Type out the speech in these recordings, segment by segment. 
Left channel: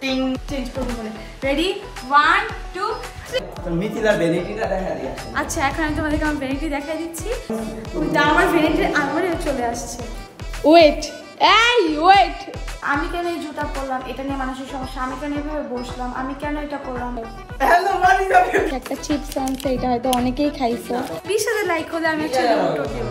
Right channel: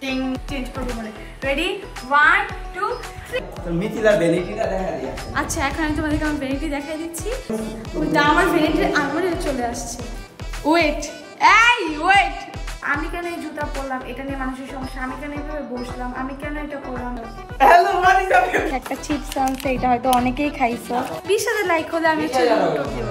টিং চেঞ্জ করে বলে রেডি 1 2 3 মিথিলার ভ্যানিটিটা দেখা দিয়েছে। আচ্ছা এখন আমি তোমাদেরকে আমার ভ্যানিটি দেখাই দিচ্ছি। ওইটা আমার ভ্যানিটির আলমারি চলে আসছে। ওয়েট আমি কেন এই জুতা পরলাম এটা নিয়ে মানুষের সমস্যা, আমি কেন এইভাবে বসলাম, আমি কেন এটা পরলাম। হ্যালো মানিকা, একটা চিপস আনছে, এটা হয়তো অনেকেই খাইছো। 20,000 লাইক হলে আমি একটা উত্তর দিব।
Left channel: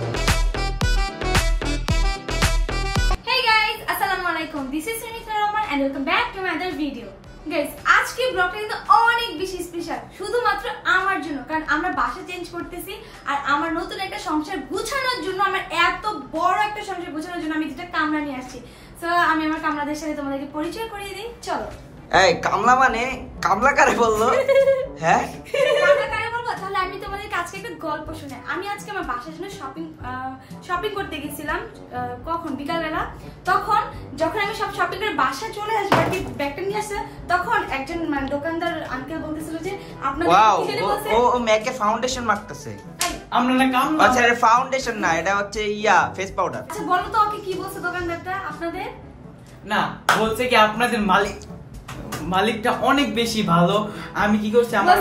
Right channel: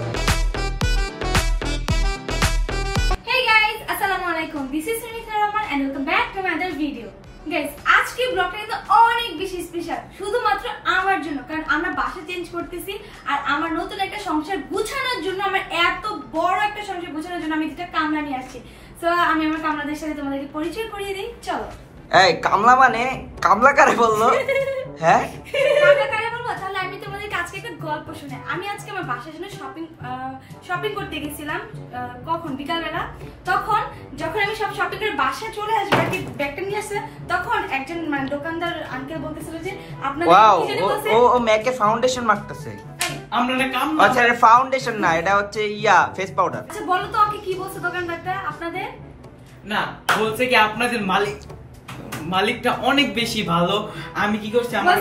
Hey guys, আসসালামু আলাইকুম, this is Sunita Rahman and welcome back to my other video. Guys, আজকে ব্লগটা কিন্তু অনেক বেশি স্পেশাল শুধুমাত্র আমার জন্য, কারণ আমরা বাসা চেঞ্জ করতেছি আর আমার নতুন একটা সংসার গুছানোর জন্য, আমার এত বড় একটা সংসার গুছানোর জন্য আমি দুটো কামরা নিয়ে আসছি। সো আমি আমার কামরাদের সাথে তোমাদেরকে পরিচয় করিয়ে দিই, চলো। এই কামলা মানে কামলা কারে বললো? হ্যাঁ কামলা কারে বলবো? তাহলে আমি তোমাদেরকে আজকে একটা গল্প শুনে, আমি আজকে আমার বাসার জন্য শপিং করতে গেছিলাম। কখন? বিকালবেলা। তখন যখন আমি সব শপিং করে বাসায় চলে আসবো আর কি, ব্যাগটা নিয়ে আসছে, তখন একজন মানে দোকানদার আঙ্কেল বলতেছিল যে আপনাদের কি জানি বলছে, ও মেকে ফাউন্ডেশন মাখতেছে। আমরা না কাম না, আচ্ছা এটা ফাউন্ডেশন না, এটা হচ্ছে ফেস পাউডার। আচ্ছা বলো তো ওকে কি বলছে দোকানদারটা আপনাদের? না বলছে কি আপনাদের মালিকটা অনেক বেশি ভালো। আমি কি করছি আমার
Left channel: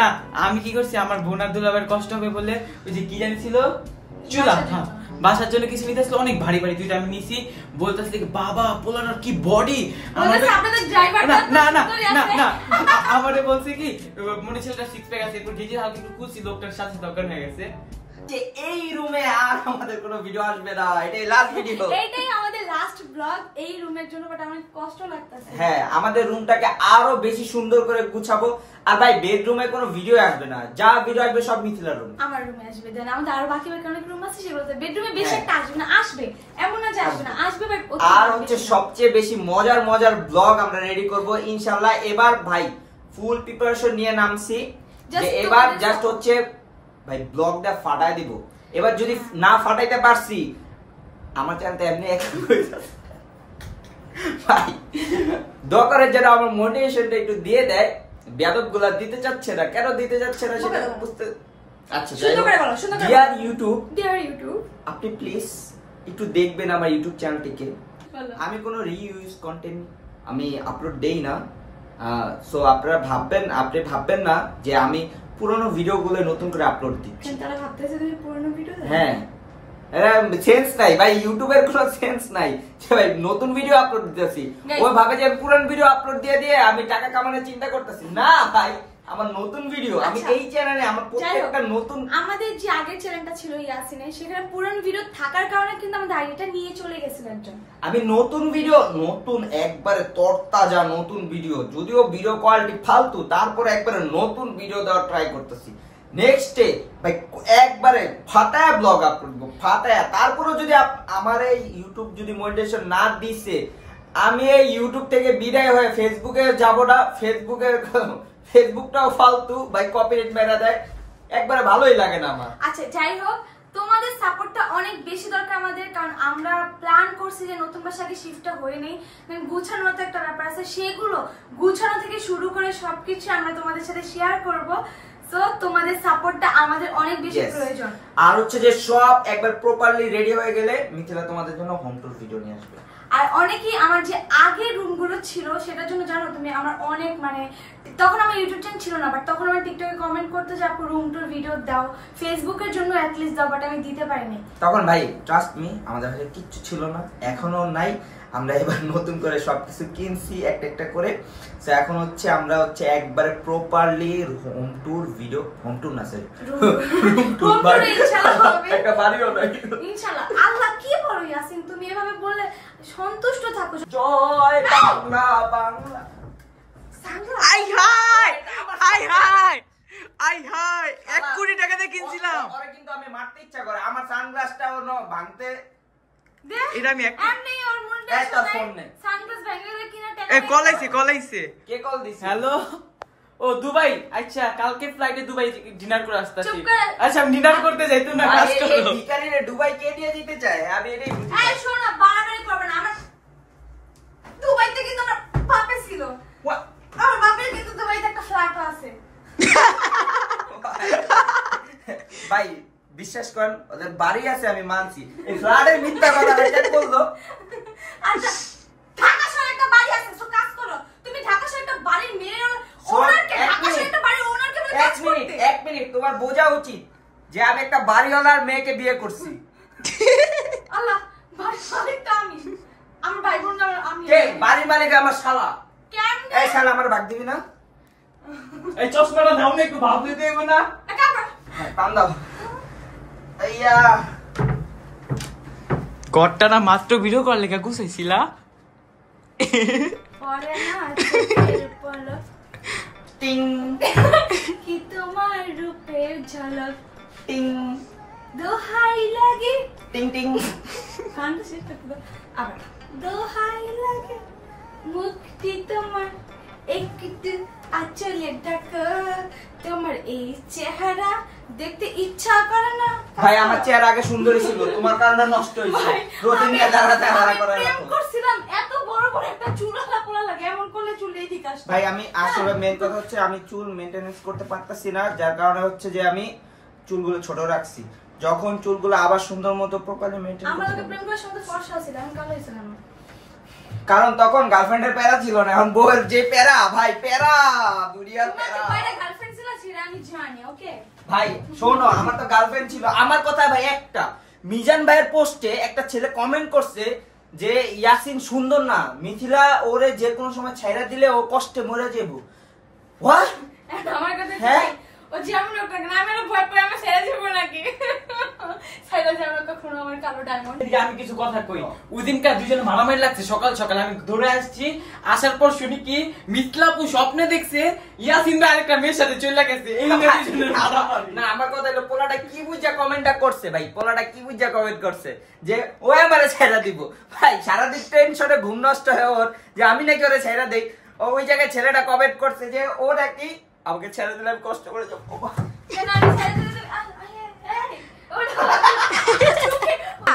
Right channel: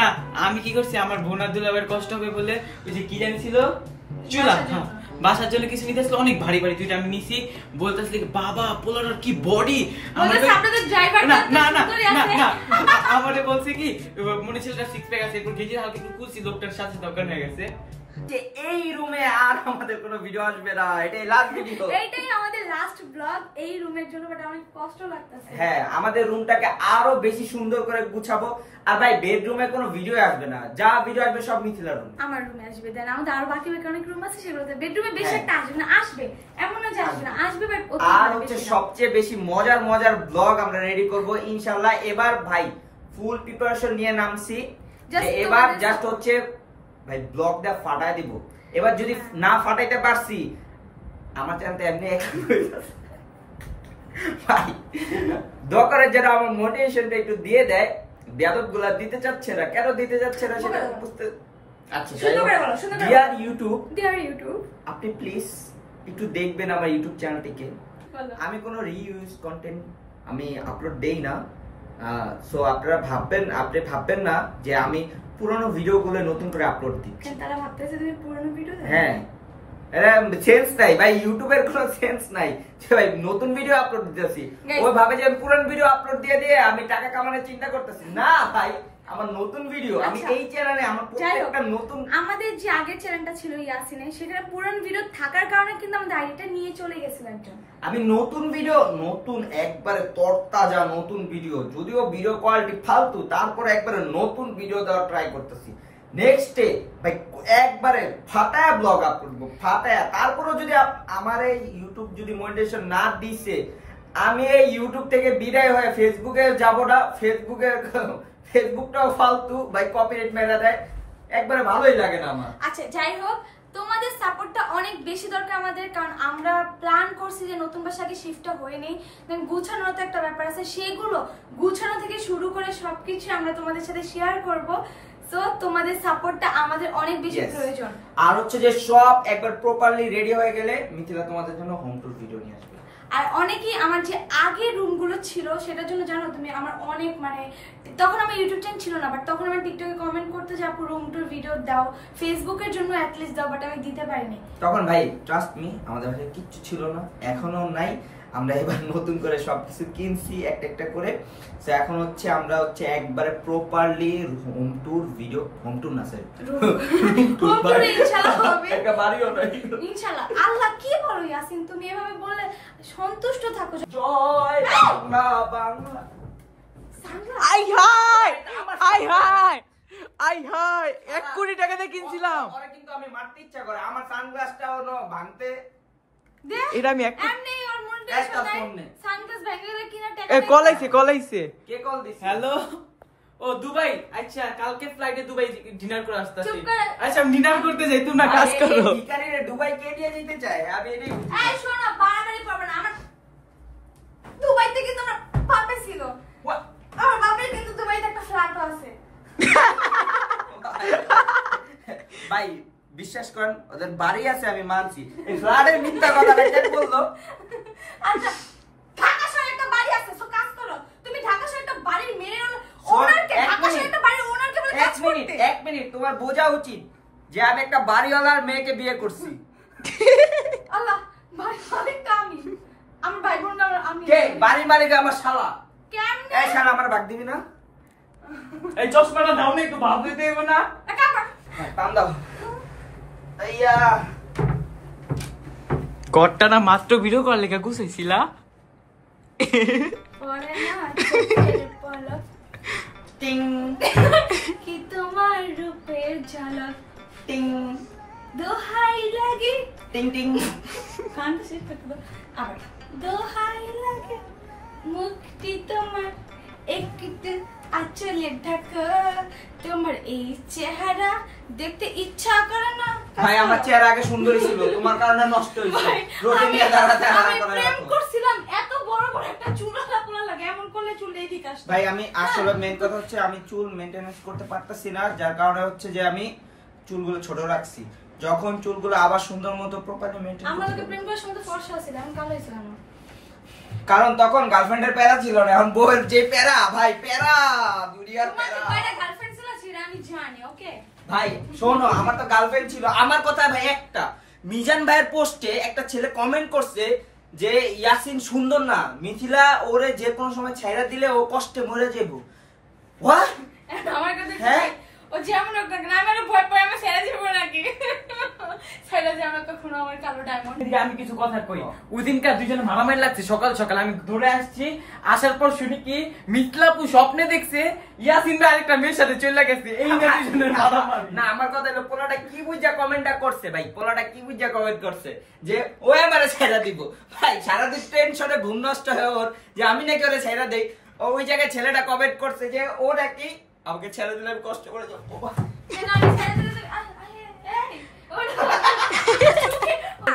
না আমি কি করছি আমার বোনার দুলাবের কষ্ট হবে বলে ওই যে কি জানি ছিল চুলা, হ্যাঁ বাসার জন্য কিছু নিতে আসলে অনেক ভারী ভারী দুইটা আমি নিছি। বলতেছি বাবা পোলানোর কি বডি, আপনাদের ড্রাইভার না না না না না আমারে বলছে কি মনে ছিল একটা সিক্স প্যাক আছে, এরপর গেজি হালকা একটু কুলছি, লোকটার সাথে দরকার হয়ে গেছে যে এই রুমে আর আমাদের কোনো ভিডিও আসবে না, এটাই লাস্ট ভিডিও, এইটাই আমাদের লাস্ট ব্লগ এই রুমের জন্য। বাট আমার কষ্ট লাগতেছে। হ্যাঁ আমাদের রুমটাকে আরো বেশি সুন্দর করে গুছাবো। আর ভাই বেডরুমে কোনো ভিডিও আসবে না, যা ভিডিও আসবে সব মিথিলার রুম, আমার রুমে আসবে। দেন আমাদের আরো বাকি অনেক রুম আছে, সেগুলোতে বেডরুমে বেশি একটা আসবে না, আসবে এমন না যে আসবে না, আসবে বাট আর হচ্ছে সবচেয়ে বেশি মজার ব্লগ আমরা রেডি করব ইনশাআল্লাহ। এবার ভাই ফুল প্রিপারেশন নিয়ে নামছি, যে এবার জাস্ট হচ্ছে ভাই ব্লগটা ফাটায় দিব। এবার যদি না ফাটাইতে পারছি আমার চ্যানেলটা এমনি ভাই দরকারের যেটা আমার মোটিভেশনটা একটু দিয়ে দেয়, বেয়াদবগুলা দিতে চাচ্ছে না, কেন দিতে যাচ্ছে না সেটা বুঝতে। আচ্ছা ডিয়ার ইউটিউব আপনি প্লিজ একটু দেখবেন আমার ইউটিউব চ্যানেলটিকে। আমি কোনো রিইউজ কন্টেন্ট আমি আপলোড দেই না, সো আপনারা ভাববেন না যে আমি পুরনো ভিডিওগুলো নতুন করে আপলোড দিচ্ছি। তারা ভাবতেছে তুমি পুরনো ভিডিও দাও। হ্যাঁ সেন্স নাই ভাই, ইউটিউবের কোনো সেন্স নাই যে ভাই নতুন ভিডিও আপলোড দিতেছি। ওই ভাবে যে আমি পুরান ভিডিও আপলোড দিয়ে আমি টাকা কামানোর চিন্তা করতেছি না ভাই, আমার নতুন ভিডিও আমি এই চ্যানেলে আমার প্রত্যেকটা নতুন, আমাদের যে আগের চ্যানেলটা ছিল ইয়াসিনের, সেখানে পুরান ভিডিও থাকার কারণে কিন্তু আমাদের আইডিটা নিয়ে চলে গেছিল একজন। আমি নতুন ভিডিও নতুন একবারে তরতাজা নতুন ভিডিও, যদিও ভিডিও কোয়ালিটি ফালতু, তারপর একবারে নতুন ভিডিও দেওয়ার ট্রাই করতেছি। নেক্সট ডে ভাই একবারে ফাটায়া ব্লগ আপলোড করব, ফাটায়া। তারপরও যদি আমার এই ইউটিউব যদি মনিটাইজেশন না দিছে, আমি এই ইউটিউব থেকে বিদায় হয়ে ফেসবুকে যাব না। ফেসবুকটাও ফালতু ভাই, কপিরাইট মেরা দেয়, একবারে ভালোই লাগে না আমার। আচ্ছা যাই হোক, তোমাদের সাপোর্টটা অনেক বেশি দরকার আমাদের, কারণ আমরা প্ল্যান করছি যে নতুন বাসাকে শিফটটা হয়ে নেই, গুছানোর তো একটা ব্যাপার আছে, সেগুলো গুছানো থেকে শুরু করে সবকিছু আমরা তোমাদের সাথে শেয়ার করব। তো তোমাদের সাপোর্টটা আমাদের অনেক বেশি প্রয়োজন। আর হচ্ছে যে সব একবার প্রপারলি রেডি হয়ে গেলে মিথিলা তোমাদের জন্য হোম টুর ভিডিও নিয়ে আসবে। আর অনেকেই আমার যে আগে রুমগুলো ছিল সেটার জন্য জানো তুমি, আমার অনেক মানে তখন আমার ইউটিউব চ্যানেল ছিল না, বাট তখন আমার টিকটকে কমেন্ট করতে যে আপু রুম টুর ভিডিও দাও, ফেসবুকের জন্য অ্যাট লিস্ট দাও, বাট আমি দিতে পারিনি তখন। ভাই ট্রাস্ট মি, আমাদের কাছে কিচ্ছু ছিল না, এখনো নাই। আমরা এবার নতুন করে সবকিছু কিনছি একটা করে। সো এখন হচ্ছে আমরা হচ্ছে একবারে প্রপারলি হোম টুর ভিডিও, হোম টুর না স্যার রুম টুর ইনশাআল্লাহ হবে, একটা বাড়িও নাই ইনশাআল্লাহ। আল্লাহ কি বলো ইয়াসিন, তুমি এভাবে বললে সন্তুষ্ট থাকো। জয় বাংলা বাংলা। আই হাই আই হাই আই হাই 1 কোটি টাকা দিয়ে কিনছিলাম। পরে কিন্তু আমি মারতে ইচ্ছা করে, আমার সানগ্লাসটাও ভাঙতে এটা আমি এমনি ওর মনটা শুনে সানগ্লাস ভেঙে কিনা টাকা। এ কলাইছে কে কল দিছে? হ্যালো ও দুবাই। আচ্ছা কালকে ফ্লাইটে দুবাই ডিনার করে আসতাছি। চুপ কর। আচ্ছা আমি ডিনার করতে যাই, তুমি না কাজ করো। এই ভিখারিরে দুবাই কে দিয়ে দিতে চায়? আমি এটাই বুঝি। এই শোনো, বাড়াবাড়ি করবে না। আমার দুবাইতে কিন্তু আমার বাপে ছিল, আমার বাপের কিন্তু দুবাইতে একটা ফ্ল্যাট আছে। ভাই বিশ্বাস করেন ওদের বাড়ি আছে আমি মানছি, এই ফ্ল্যাটের মিথ্যা কথা এটা বললো। আচ্ছা ঢাকা শহরে একটা বাড়ি আছে, সো কাজ করো। তুমি ঢাকা শহরে একটা বাড়ির মেয়ের ওনারকে, ঢাকা শহরে একটা বাড়ির ওনারকে বলে কাজ করতে। এক মিনিট, তোমার বোঝা উচিত যে আমি একটা বাড়িওয়ালার মেয়েকে বিয়ে করছি। আল্লাহ, মালিকটা আমি, আমার ভাই বোন আমি। কে বাড়ির মালিক? আমার শালা। কেমনে? এই শালা আমার ভাগ দিবি না? এই চশমাটা দাও না, একটু ভাব দিতে হবে না? কাম দাও। আইয়া ঘরটা না মাত্র ভিডিও কল লেখা গুছাইছিলা। পরে না চোখের পলক টিং কি তোমার রূপের ঝলক টিং দোহাই লাগে। টিং টিং। গানটা শেষ করতে দাও আবার। দোহাই লাগে মুক্তি তোমার একটু আঁচলে ঢাকা, তোমার এই চেহারা দেখতে ইচ্ছা করে না। ভাই আমার চেহারা আগে সুন্দরী ছিল, তোমার কারণে নষ্ট হয়েছে। রুটিন নিয়ে দাঁড়া দাঁড়া করে প্রেম করছিলাম, এত বড় বড় একটা চুল পোলা লাগে, এমন করলে চুল এই দিকে আসে। ভাই আমি আসলে মেন কথা হচ্ছে আমি চুল মেইনটেনেন্স করতে পারতাছি না, যার কারণে হচ্ছে যে আমি চুলগুলো ছোট রাখছি। যখন চুলগুলো আবার সুন্দর মতো প্রপারলি মেইনটেইন আমার লগে প্রেম করার সময় ফর্সা ছিল, আমি কালো হইছিলাম না। কারণ তখন গার্লফ্রেন্ডের প্যারা ছিল না, এখন বউয়ের যে প্যারা, ভাই প্যারা দুনিয়ার তোমার প্যারা। তো কয়টা গার্লফ্রেন্ড ছিল সেটা আমি জানি, ওকে? ভাই শোনো, আমার তো গার্লফ্রেন্ড ছিল। আমার কথা ভাই একটা, মিজান ভাইয়ের পোস্টে একটা ছেলে কমেন্ট করছে যে ইয়াসিন সুন্দর না, মিথিলা ওরে যে কোনো সময় ছেড়ে দিলে ও কষ্টে মরে যাবো। হোয়াট? আমার কাছে হ্যাঁ? ও যেমন হোক না কেন, আমি না ভয় পাই আমি ছেড়ে দিব নাকি? ছেড়ে যাবো কখনো আমার কালো ডায়মন্ড। আমি কিছু কথা কই। ওই দিনকার দুজনে মারামারি লাগছে, সকাল সকাল আমি ধরে আসছি, আসার পর শুনি কি মিথলাপু স্বপ্নে দেখছে ইয়াসিন দা আরেকটা মেয়ের সাথে চলে গেছে। এই নিয়ে দুজনের মারামারি। না আমার কথা হলো পোলাটা কি বুঝা কমেন্টটা করছে ভাই, পোলাটা কি বুঝা কমেন্ট করছে যে ও আমারে ছেড়ে দিব। ভাই সারাদিন টেনশনে ঘুম নষ্ট হয়ে ওর যে আমি নাকি ওরে ছেড়ে দেই। ও ওই জায়গায় ছেলেটা কমেন্ট করছে যে ও নাকি আমাকে ছেড়ে দিলে আমি কষ্ট করে যাবো। কেন আমি ছেড়ে দিলে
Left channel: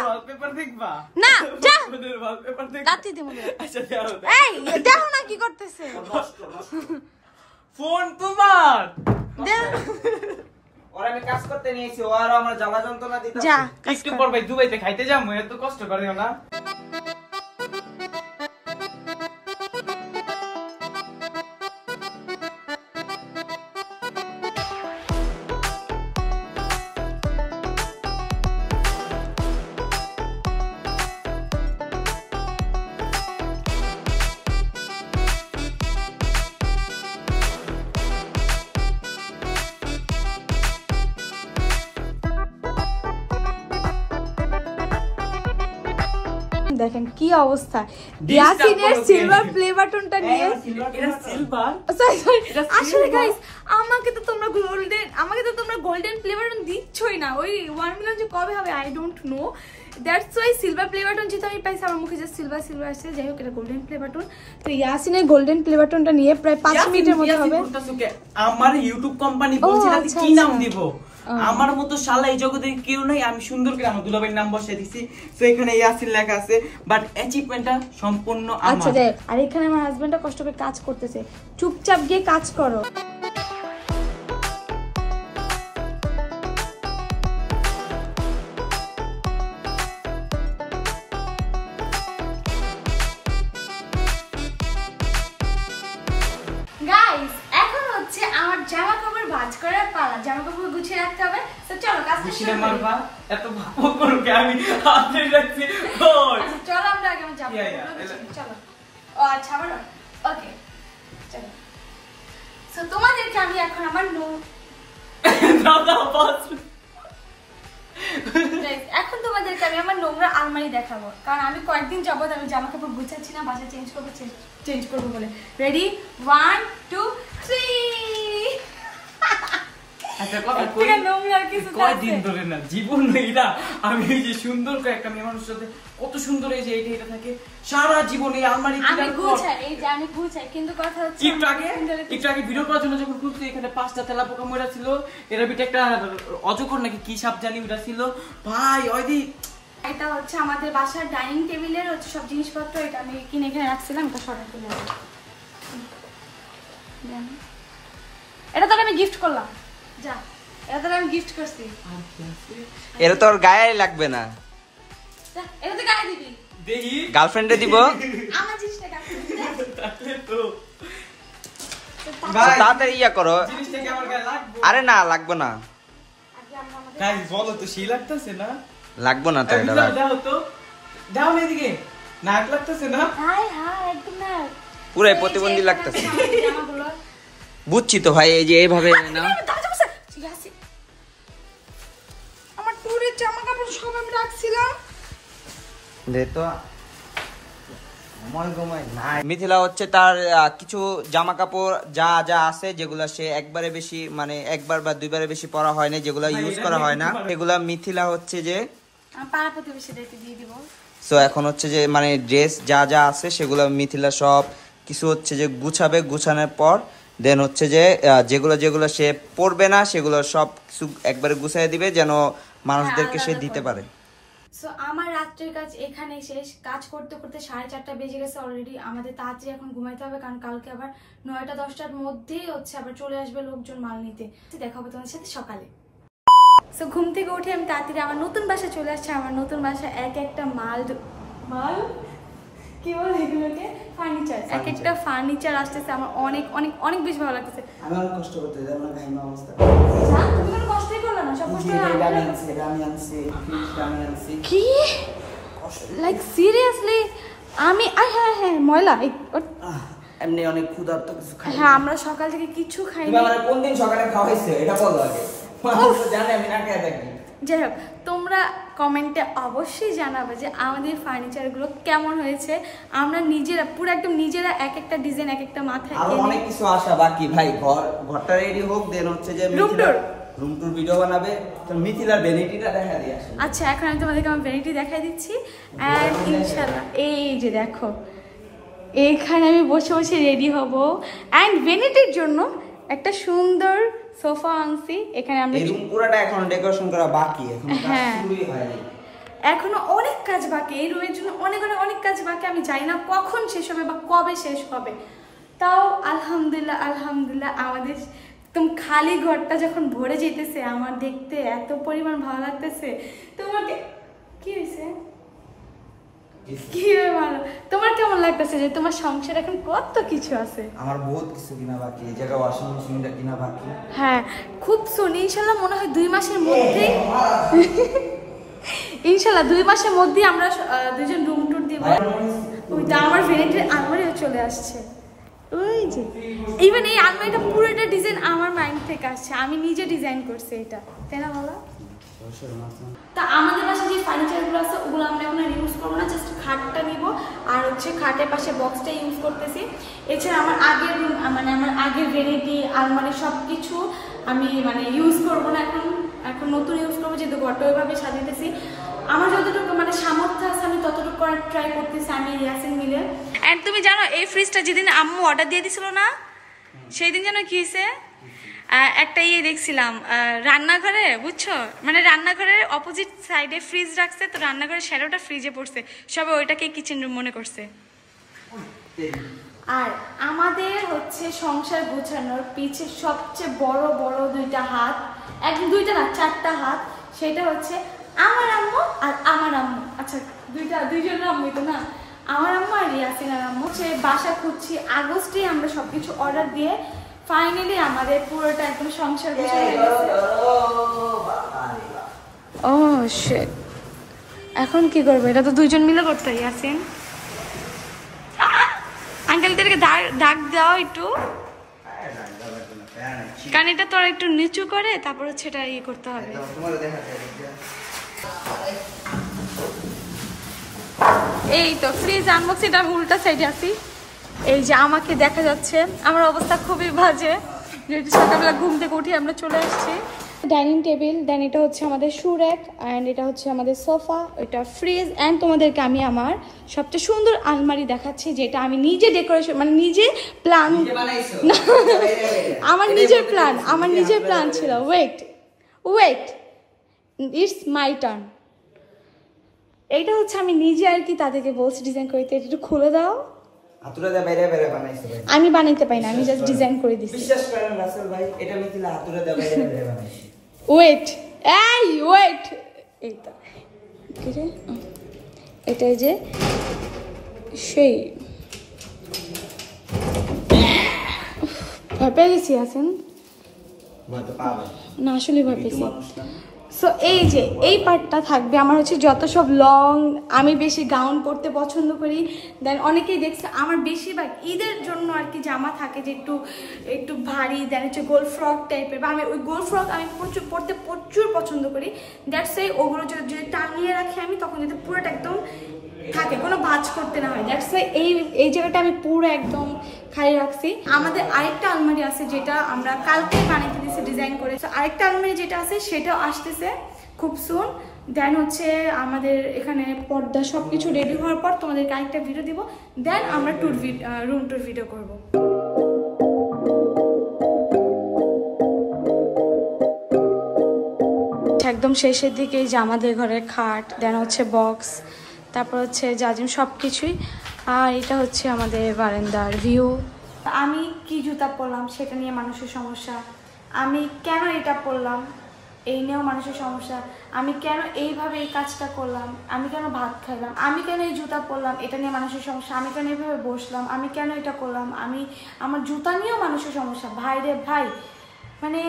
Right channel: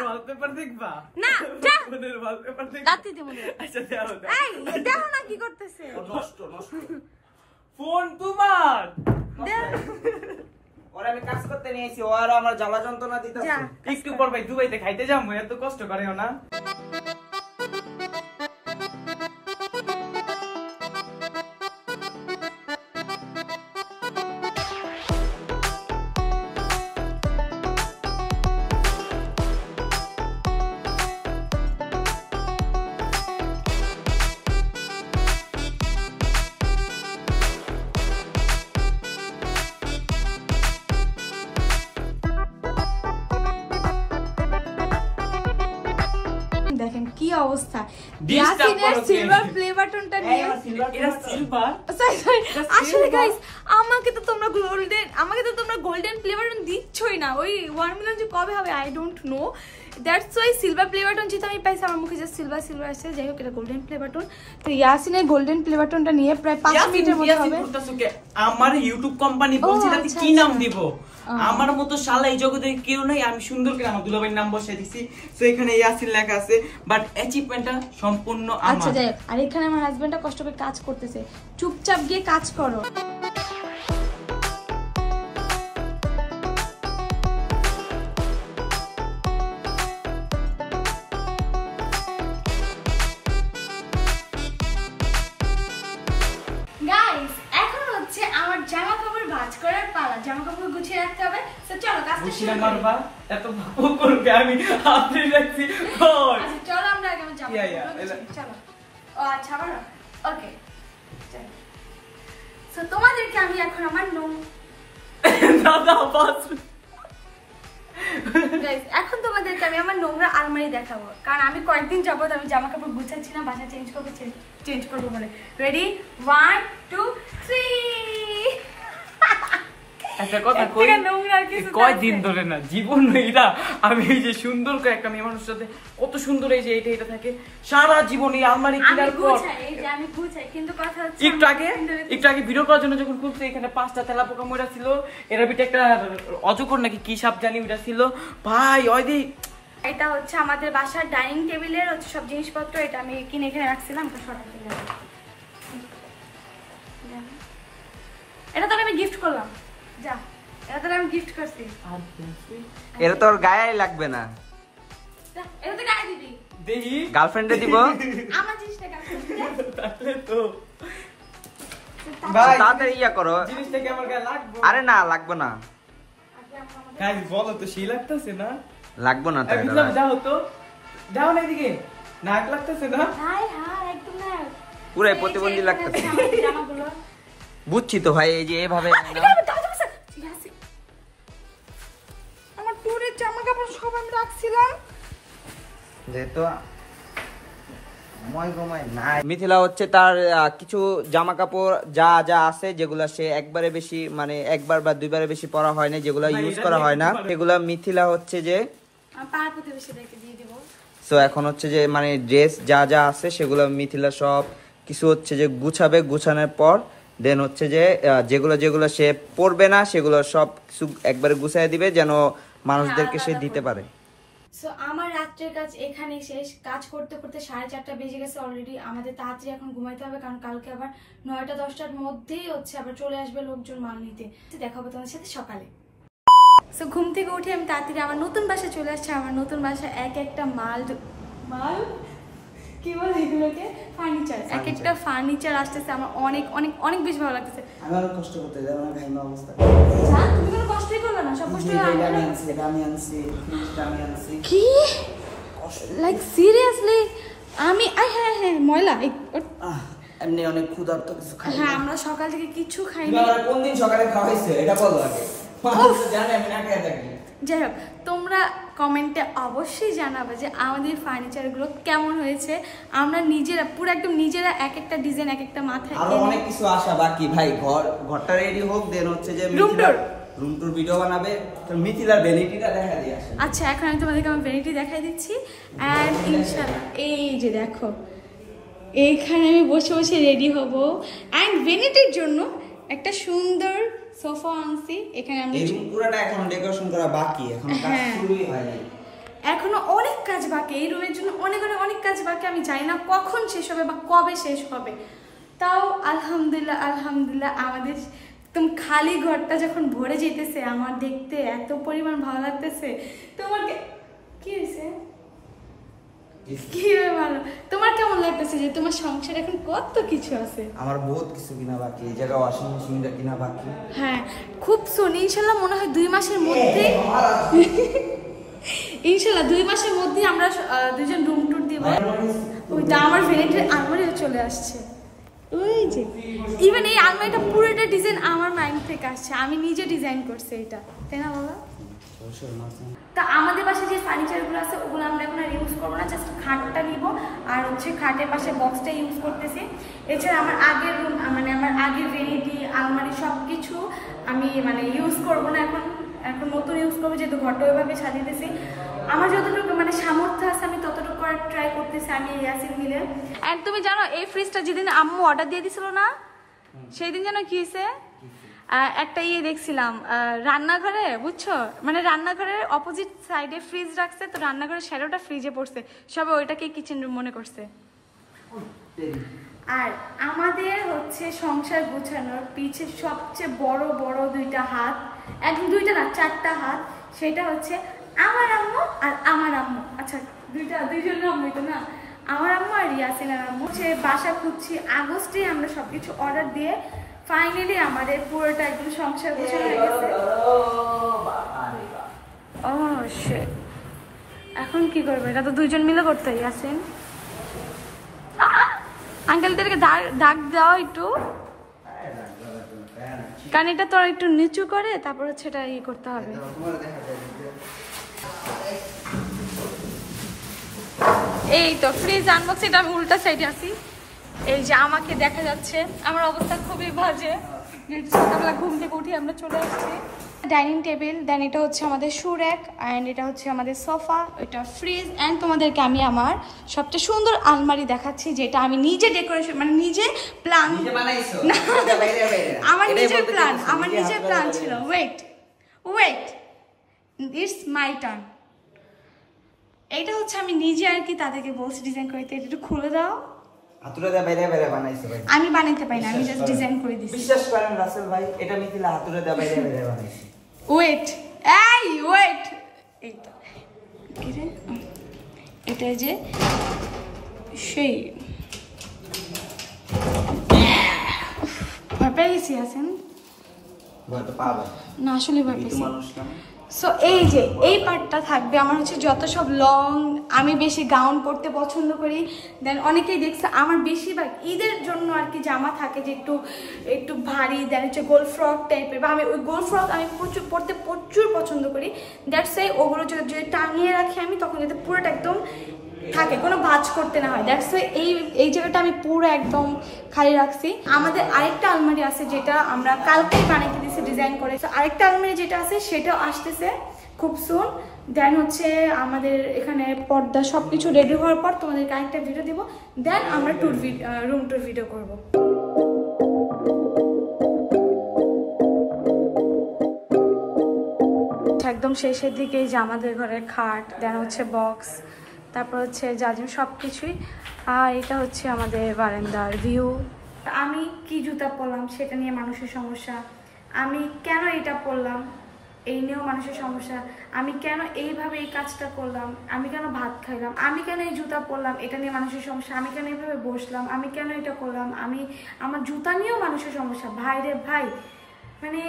ওয়ালপেপার দেখবা না যা ওয়ালপেপার দেখবা। দাঁতি দে মনে। আচ্ছা দাও। এই দেখো না কি করতেছে। নষ্ট নষ্ট। ফোন তোমার। ওরা আমি কাজ করতে নিয়েছি, ও আর আমার জ্বালা যন্ত্রণা দিতে। যা একটু পর ভাই দুবাইতে খাইতে যাবো, এত কষ্ট করে না। দেখেন কি অবস্থা, ইয়াসিনের সিলভার প্লে বাটনটা নিয়ে। এটা সিলভার। আসলে গাইস আমাকে তো তোমরা গোল্ডেন প্লে বাটন দিচ্ছই না। ওই 1 মিলিয়ন যে কবে হবে I don't know, that's why silver play button যেটা আমি পাইছি আমার মুখে যে সিলভার আসছে। যাই হোক এটা গোল্ডেন প্লে বাটন। তো ইয়াসিনের গোল্ডেন প্লে বাটনটা নিয়ে প্রায় 5 মিনিটের মধ্যে হবে। আমার ইউটিউব কোম্পানি বলছিল আমি আচ্ছা, কি নাম আচ্ছা। দিব। আমার মতো শালা এই জগতে কেউ নাই, আমি সুন্দর করে আমার দুলাভাইয়ের নাম বসাই দিছি। তো এখানে ইয়াসিন লেখা আছে, বাট অ্যাচিভমেন্টটা সম্পূর্ণ আচ্ছা আমার। দেখ, আর এখানে আমার হাজবেন্ডটা কষ্ট করে কাজ করতেছে, চুপচাপ গিয়ে কাজ করো। গাইস এখন হচ্ছে আমার জামা কাপড় ভাঁজ করার পালা, জামা কাপড় গুছিয়ে রাখতে হবে। তো চলো কাজটা বুঝিনা শুরু করি। মারবা এত ভাব করো কে, আমি হাতে রাখছি কই। আচ্ছা চলো আমরা আগে আমার জামা Yeah, yeah, কাপড় গুছিয়ে নিই, চলো। ও আচ্ছা ভালো, ওকে চলো। সো তোমাদেরকে আমি এখন আমার দাদা বাস। Guys, এখন তোমাদেরকে আমি আমার নোংরা আলমারি দেখাবো, কারণ আমি কয়েকদিন যাবত আমি জামা কাপড় গুছাচ্ছি না, বাসা চেঞ্জ করবো বলে। রেডি 1 2 3। একটা কথা কই, কয়দিন ধরে না জীবন মেয়েরা আমি এই যে সুন্দর করে একটা মেয়ে মানুষের সাথে কত সুন্দর এই যে এটা থাকে সারা জীবন এই আলমারি আমি কিনার পর। গুছাই, এই যে আমি গুছাই, কিন্তু কথা হচ্ছে একটু আগে ভিডিও করার জন্য যখন খুলছে এখানে 5টা তেলাপোকা মরা ছিল, এর ভিতরে একটা অজগর নাকি কি সাপ জানি ওটা ছিল ভাই। ওই দি এটা হচ্ছে আমাদের বাসার ডাইনিং টেবিলের হচ্ছে সব জিনিসপত্র, এটা আমি কিনে এখানে রাখছিলাম, এটা সরাই ফেলে দেব। এটা তো আমি গিফট করলাম, যা এটা তো আমি গিফট করছি। এর তোর গায়ে লাগবে না। যা এটা তো গায়ে দিবি। দেখি গার্লফ্রেন্ডে দিব আমার জিনিসটা গার্লফ্রেন্ড তাহলে তো তাড়াতাড়ি ইয়া করো জিনিসটা কি আমার গায়ে লাগবে আরে না লাগবে না গাইস বলো তো সেই লাগতেছে না লাগবে না তো এটা দাও তো দাও না এদিকে নাক লাগতেছে না হাই হাই একদম না পুরাই প্রতিবন্ধী লাগতেছে বুঝছি তো ভাই এই যে এইভাবে না আমার টুরের জামা কাপড় সব আমি রাখছিলাম দে তো মিথিলা হচ্ছে তার কিছু জামা কাপড় যা যা আছে যেগুলা সে একবারে বেশি মানে একবার বা দুইবারে বেশি পরা হয় না যেগুলা ইউজ করা হয় না সেগুলা মিথিলা হচ্ছে যে পাড়া প্রতিবেশীদেরকে দিয়ে দিব সো এখন হচ্ছে যে মানে ড্রেস যা যা আছে সেগুলো মিথিলা সব কিছু হচ্ছে যে গুছাবে গুছানোর পর দেন হচ্ছে যে যেগুলো যেগুলো সে পরবে না সেগুলো সব কিছু একবারে গুছাই দিবে যেন মানুষদেরকে সে দিতে পারে সো আমার রাত্রের কাজ এখানে শেষ কাজ করতে করতে 4:30 বেজে গেছে অলরেডি আমাদের তাড়াতাড়ি এখন ঘুমাইতে হবে কারণ কালকে আবার 9টা-10টার মধ্যেই হচ্ছে আবার চলে আসবে লোকজন মাল নিতে দেখাবো তোমাদের সাথে সকালে সো ঘুম থেকে উঠে আমি তাড়াতাড়ি আমার নতুন বাসায় চলে আসছি আমার নতুন বাসায় এক একটা মাল কি বলে এগুলোকে ফার্নিচার এক একটা ফার্নিচার আসতেছে আমার অনেক অনেক অনেক বেশি ভালো লাগতেছে আমি অনেক কষ্ট করতে যাই আমার ঘাইমা অবস্থা তুমি কোনো কষ্টই করলে না সব কষ্ট আমি আনছি কি লাইক সিরিয়াসলি আমি হ্যাঁ ময়লা এমনি অনেক ক্ষুধার্ত কিছু খাই হ্যাঁ আমরা সকাল থেকে কিছু খাইনি আমরা কোন দিন সকালে খাওয়াইছে এটা বলো আগে জানি আমি না খেয়ে থাকি যাই হোক তোমরা কমেন্টে অবশ্যই জানাবে যে আমাদের ফার্নিচারগুলো কেমন হয়েছে আমরা নিজেরা পুরো একদম নিজেরা এক একটা ডিজাইন এক একটা মাথায় আরো অনেক কিছু আশা বাকি ভাই ঘরটা রেডি হোক দেন হচ্ছে যে রুম টুর ভিডিও বানাবে তো মিথিলার ভ্যানিটিটা দেখা দিয়ে আসে আচ্ছা এখন আমি তোমাদেরকে আমার ভ্যানিটি দেখাই দিচ্ছি এন্ড ইনশাআল্লাহ এই যে দেখো এইখানে আমি বসে বসে রেডি হব এন্ড ভ্যানিটির জন্য একটা সুন্দর সোফা আনছি এখানে আমরা এই রুম পুরোটা এখন ডেকোরেশন করা বাকি এখন কাজ শুরুই হয়নি এখনো অনেক কাজ বাকি এই রুমের জন্য অনেক কাজ বাকি আমি জানি না কখন শেষ হবে বা কবে শেষ হবে তাও আলহামদুলিল্লাহ আমাদের একদম খালি ঘরটা যখন ভরে যেতেছে আমার দেখতে এত পরিমাণ ভালো লাগতেছে তোমাকে কি হয়েছে কি ভালো তোমার কেমন লাগতেছে যে তোমার সংসার এখন কত কিছু আছে আমার বহুত কিছু কিনা বাকি এই জায়গা ওয়াশিং মেশিনটা কিনা বাকি হ্যাঁ খুব শুনি ইনশাআল্লাহ মনে হয় 2 মাসের মধ্যেই ইনশাআল্লাহ 2 মাসের মধ্যেই আমরা দুজন রুম ট্যুর দিব ওইটা আমার ভ্যানিটির আলমারিও চলে আসছে ওই যে ইভেন এই আলমারিটা পুরোটা ডিজাইন আমার মাইন্ড থেকে আসছে আমি নিজে ডিজাইন করছি এটা তাই না বলো তা আমাদের বাসায় যে ফার্নিচারগুলো আছে ওগুলো আমরা এখন আর ইউজ করবো না জাস্ট খাটটা নিব আর হচ্ছে খাটের পাশে বক্সটা ইউজ করতেছি এছাড়া আমার আগের রুম মানে আমার আগের ভ্যানিটি আলমারি সব কিছু আমি মানে ইউজ করবো না এখন নতুন ইউজ করবো যেহেতু ঘরটা ওইভাবে সাজিয়েছি আমার যতটুকু মানে সামর্থ্য আছে আমি ততটুকু করার ট্রাই করতেছি আমি ইয়াসিন মিলে এন্ড তুমি জানো এই ফ্রিজটা যেদিন আম্মু অর্ডার দিয়ে দিছিল না সেই দিন জানো কি হয়েছে একটা দেখছিলাম রান্নাঘরে বুঝছো মানে রান্নাঘরের অপোজিট সাইডে ফ্রিজ রাখছে তো রান্নাঘরের শ্যাডোটা ফ্রিজে পড়ছে সবাই ওইটাকে কিচেন রুম মনে করছে আর আমাদের হচ্ছে সংসার গোছানোর পিছে সবচেয়ে বড় বড় দুইটা হাত একদম দুইটা না 4টা হাত সেটা হচ্ছে আমার আম্মু আর আমার আম্মু আচ্ছা দুইজন আম্মুই তো না আমার আম্মু আর ইয়াসিনার আম্মু সে বাসা খুঁজছি আগস্টে আমরা সবকিছু অর্ডার দিয়ে ফাইনালি আমাদের পুরোটা একদম সংসার গোছানো হয়ে গেছে ও শিট এখন কি করবো এটা তো দুইজন মিলে করতে হয় ইয়াসিন আঙ্কেলদেরকে ডাক দাও একটু কারণ এটা তোরা একটু নিচু করে তারপর হচ্ছে এটা ইয়ে করতে হবে এই তো ফ্রিজ আনবক্স এটা উল্টা সাইডে আসি এই যে আমাকে দেখা যাচ্ছে আমার অবস্থা খুবই বাজে যেহেতু সকালবেলা ঘুম থেকে উঠে আমরা চলে আসছি ডাইনিং টেবিল দেন এটা হচ্ছে আমাদের শু র্যাক অ্যান্ড এটা হচ্ছে আমাদের সোফা ওইটা ফ্রিজ অ্যান্ড তোমাদেরকে আমি আমার সবচেয়ে সুন্দর আলমারি দেখাচ্ছি যেটা আমি নিজে ডেকোরেশন মানে নিজে প্ল্যান আমার নিজের প্ল্যান ছিল ওয়েট ইটস মাই টার্ন এইটা হচ্ছে আমি নিজে আর কি তাদেরকে বলছি ডিজাইন করতে এটা একটু খুলে দাও আমি বানাইতে পারি না আমি জাস্ট ডিজাইন করে দিছি বিশ্বাস করেন রাসেল ভাই এটা মিথিলা হাতুড়ে দে বাইরে বানাইছি ওয়েট এই তো কি রে এটাই যে সেই ভয় পেয়ে গেছি আছেন না, আসলে ভয় পেয়েছি। সো এই যে এই পার্টটা থাকবে আমার হচ্ছে যত সব লং, আমি বেশি গাউন পরতে পছন্দ করি। দেন অনেকেই দেখছে আমার বেশিরভাগ ঈদের জন্য আর কি জামা থাকে যে একটু ভারী, দেন হচ্ছে গোল ফ্রক টাইপের, বা আমি ওই গোল ফ্রক আমি পরতে প্রচুর পছন্দ করি। দ্যাটস ওয়াই ওগুলো যদি টানিয়ে রাখি আমি, তখন যাতে পুরোটা একদম থাকে, কোনো ভাঁজ করতে না হয়। দ্যাটস ওয়াই এই জায়গাটা আমি পুরো একদম খালি রাখছি। আমাদের আরেকটা আলমারি আছে যেটা আমরা কালকেই বানাইতে দিয়েছি ডিজাইন করে। আরেকটা আলমারি যেটা আছে সেটাও আসতেছে খুব সুন। দেন হচ্ছে আমাদের এখানে পর্দা সবকিছু রেডি হওয়ার পর তোমাদেরকে আরেকটা ভিডিও দিব, দেন আমরা রুম টুর ভিডিও করব। একদম শেষের দিকে যে আমাদের ঘরের খাট, দেন হচ্ছে বক্স, তারপর হচ্ছে জাজিম সব কিছুই। আর এটা হচ্ছে আমাদের বারান্দার ভিউ। আমি কি জুতা পরলাম সেটা নিয়ে মানুষের সমস্যা, আমি কেন এটা পরলাম এই নিয়েও মানুষের সমস্যা, আমি কেন এইভাবে এই কাজটা করলাম, আমি কেন ভাত খাইলাম, আমি কেন এই জুতা পরলাম এটা নিয়ে মানুষের সমস্যা, আমি কেন এইভাবে বসলাম, আমি কেন এটা করলাম, আমার জুতা নিয়েও মানুষের সমস্যা। ভাই রে ভাই, মানে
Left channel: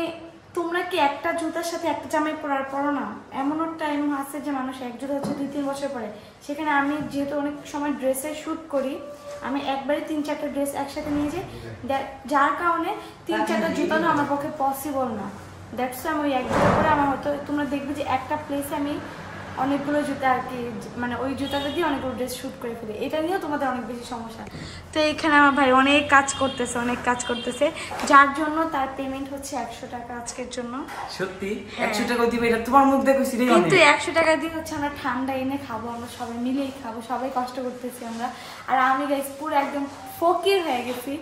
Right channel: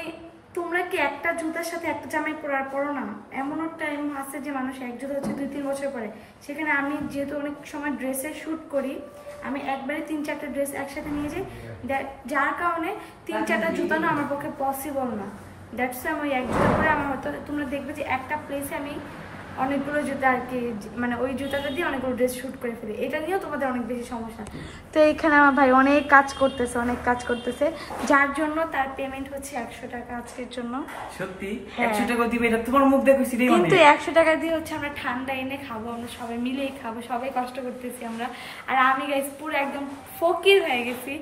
তোমরা কি একটা জুতার সাথে একটা জামাই পরো না? এমনও টাইম আছে যে মানুষ এক জুতা হচ্ছে 2-3 বছর পরে। সেখানে আমি যেহেতু অনেক সময় ড্রেসের শ্যুট করি, আমি একবারে 3-4টা ড্রেস একসাথে নিয়ে যাই, যার কারণে 3-4টা জুতা না আমার পক্ষে পসিবল না। দ্যাটস আমি ওই এক জুতা পরে আমার হয়তো তোমরা দেখবে যে একটা প্লেসে আমি অনেকগুলো জুতা আর কি, মানে ওই জুতাটা দিয়ে অনেকগুলো ড্রেস শ্যুট করে ফেলি। এটা নিয়েও তোমাদের অনেক বেশি সমস্যা। তো এখানে আমার ভাই অনেক কাজ করতেছে, যার জন্য তার পেমেন্ট হচ্ছে 100 টাকা আজকের জন্য। সত্যি 100 টাকা দিবে? এটা তোমার মুখ দেখেছি রে। কিন্তু 100 টাকা দিয়ে হচ্ছে আমরা ঠান্ডা এনে খাবো, আমরা সবাই মিলেই খাবো, সবাই কষ্ট করতেছি আমরা। আর আমি গাইস পুরো একদম ফকির হয়ে গেছি,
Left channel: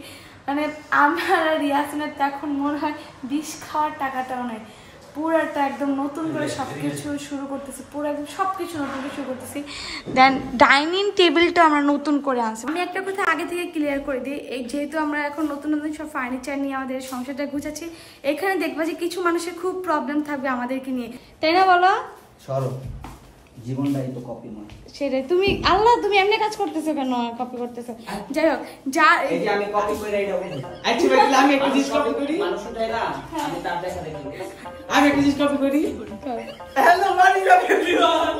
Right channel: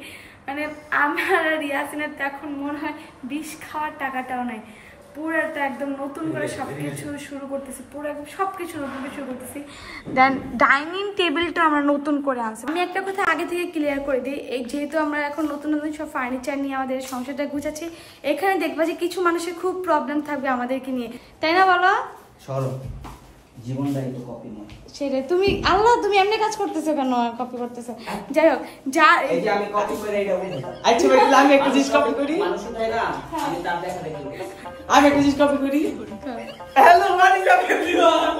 মানে আমার রিয়াসিনের তো এখন মনে হয় 20 খাওয়ার টাকাটাও নাই। পুরাটা একদম নতুন করে সবকিছু শুরু করতেছি, পুরো একদম সবকিছু নতুন করে শুরু করতেছি। দেন ডাইনিং টেবিলটা আমরা নতুন করে আনছি। আমি একটা কথা আগে থেকে ক্লিয়ার করে দিই, এই যেহেতু আমরা এখন নতুন সব ফার্নিচার নিয়ে আমাদের সংসারটা গুছাচ্ছি, এখানে দেখবা যে কিছু মানুষের খুব প্রবলেম থাকবে আমাদেরকে নিয়ে, তাই না বলো? জীবনটাই তো কপি নয় সেরে তুমি আল্লাহ তুমি এমনি কাজ করতেছো কেন, কপি করতেছো? যাই হোক, যা এই যে আমি কপি করে এইটা বলি। আচ্ছা ভাই, আমি একটু জিনিস কপি করি। মানুষ তাই না, আমি তার দেখা দেখি। আমি একটু জিনিস কপি করি। Hello Manika everyone.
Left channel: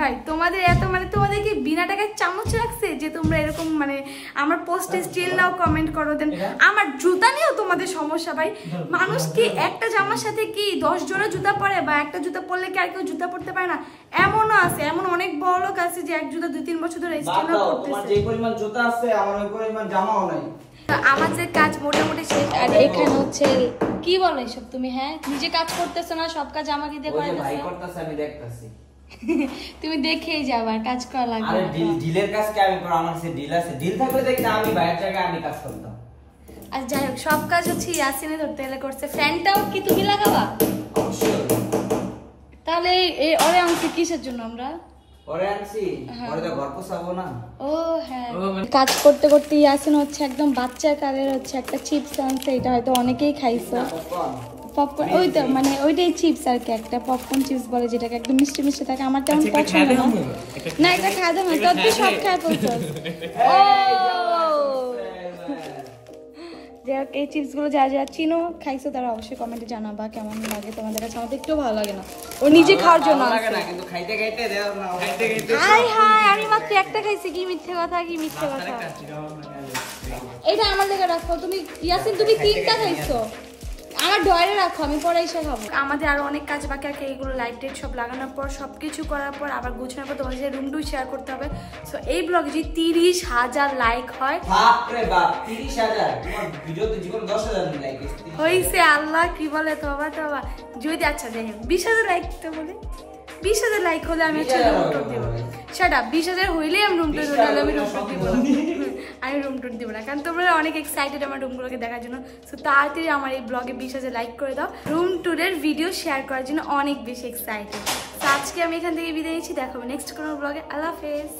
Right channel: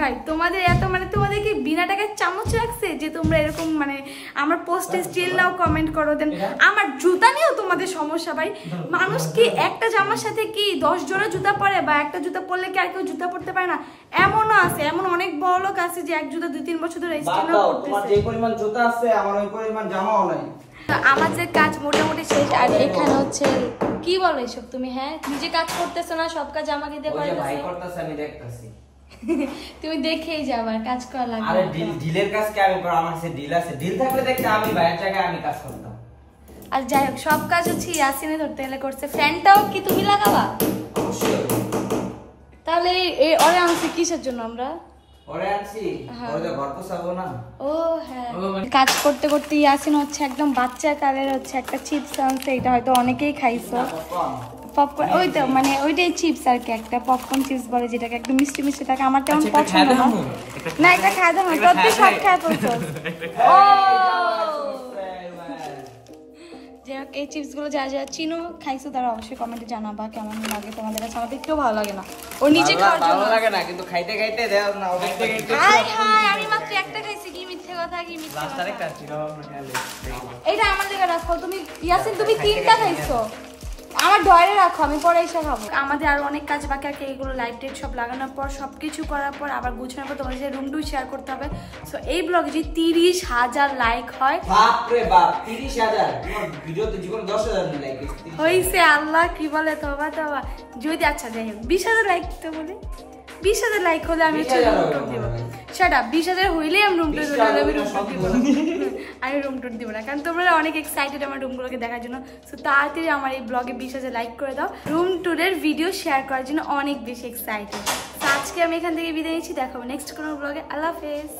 ভাই তোমাদের এত মানে তোমাদের কি বিনা টাকায় চামচ রাখছে যে তোমরা এরকম মানে আমার পোস্টে স্টিল নাও কমেন্ট করো? দেন আমার জুতা নিয়েও তোমাদের সমস্যা ভাই। মানুষ কি একটা জামার সাথে কি 10 জোড়া জুতা পরে, বা একটা জুতা পরলে কি আর কেউ জুতা পরতে পারে না? এমনও আছে, এমন অনেক বড় লোক আছে যে এক জুতা 2-3 বছর ধরে স্টিল নাও পরতেছে। তোমার যে পরিমাণ জুতা আছে আমার ওই পরিমাণ জামাও নাই। আমাদের কাজ মোটামুটি শেষ। আর এখানে হচ্ছে কি বলো এসব তুমি? হ্যাঁ, নিজে কাজ করতেছো না, সব কাজ আমাকে দিয়ে করাইতেছো। ভাই করতেছে, আমি দেখতাছি। তুমি দেখেই যাবা, কাজ করা লাগবে। আরে ডিলের কাজ কি আমি করব? আমার কাছে ডিল আছে, ডিল থাকলে দেখতে আমি বাইরের জায়গায় আমি কাজ করতাম। আর যাই হোক, সব কাজ হচ্ছে ইয়াসিনে ধরতে গেলে করছে। ফ্যানটাও কি তুমি লাগাবা? অবশ্যই। তাহলে এই ওরে আনছি কিসের জন্য আমরা? ওরে আনছি ওরে তো ঘর পোছাবো না। ও হ্যাঁ, কাজ করতে করতে ইয়াসিন হচ্ছে একদম বাচ্চা কালের হচ্ছে একটা চিপস আনছে, এটা হয়তো অনেকেই খাইছো। পপকর্ন, ওই তো মানে ওইটাই চিপস আর কি, একটা পপকর্ন চিপস বলে যেটাকে, একদম মিষ্টি মিষ্টি থাকে। আমার তেমন পছন্দ না, এটা খাই দাও না, তোর তো সব খাই ফেলছো। ও যাই হোক, এই চিপস গুলো যা যা চিনো খাইছো তারা অবশ্যই কমেন্টে জানাবা কেমন লাগে তোমাদের কাছে। আমাদের একটু ভালো লাগে না, ও নিজে খাওয়ার জন্য ভালো লাগে না, কিন্তু খাইতে খাইতে দেও না। হাই হাই, আমি মাত্র একটা খাইছি, কি মিথ্যে কথা, কি মিথ্যে কথা। এটা আমার লেগে রাখো তুমি ইয়াসিন, তুমি 3টা খাইছো, আমার ডয়ারে রাখো, আমি পরে এসে খাবো। আমাদের আরো অনেক কাজ বাকি আছে, এগুলো লাইট টাইট সব লাগানোর পর সবকিছু করার পর আবার গুছানোর পর তোমাদের সাথে রুম টু শেয়ার করতে হবে। সো এই ব্লগে যদি 30,000 লাইক হয়, বাপ রে বাপ 30,000, তোমার ভিডিওতে জীবন 10,000 লাইক হইছে। আল্লাহ কি বলে, তবা তবা। যদি আচ্ছা যাই হোক 20,000 লাইক তো বলে 20,000 লাইক হলে আমি হচ্ছে রুম টুর দিব। সেটা 20,000 হইলেই আমি রুম টুর দিব, নাহলে আমি রুম টুর দিব না। আমি রুম টুর দিব না, কারণ তোমরা অনেক এক্সাইটেড আমার রুমগুলোকে দেখার জন্য। সো তাড়াতাড়ি আমার এই ব্লগে 20,000 লাইক করে দাও, রুম টুরের ভিডিও শেয়ার করার জন্য অনেক বেশি এক্সাইটেড। তো আজকে আমি এখান থেকে বিদায় নিচ্ছি, দেখাবো নেক্সট কোনো ব্লগে। আল্লাহ হাফেজ।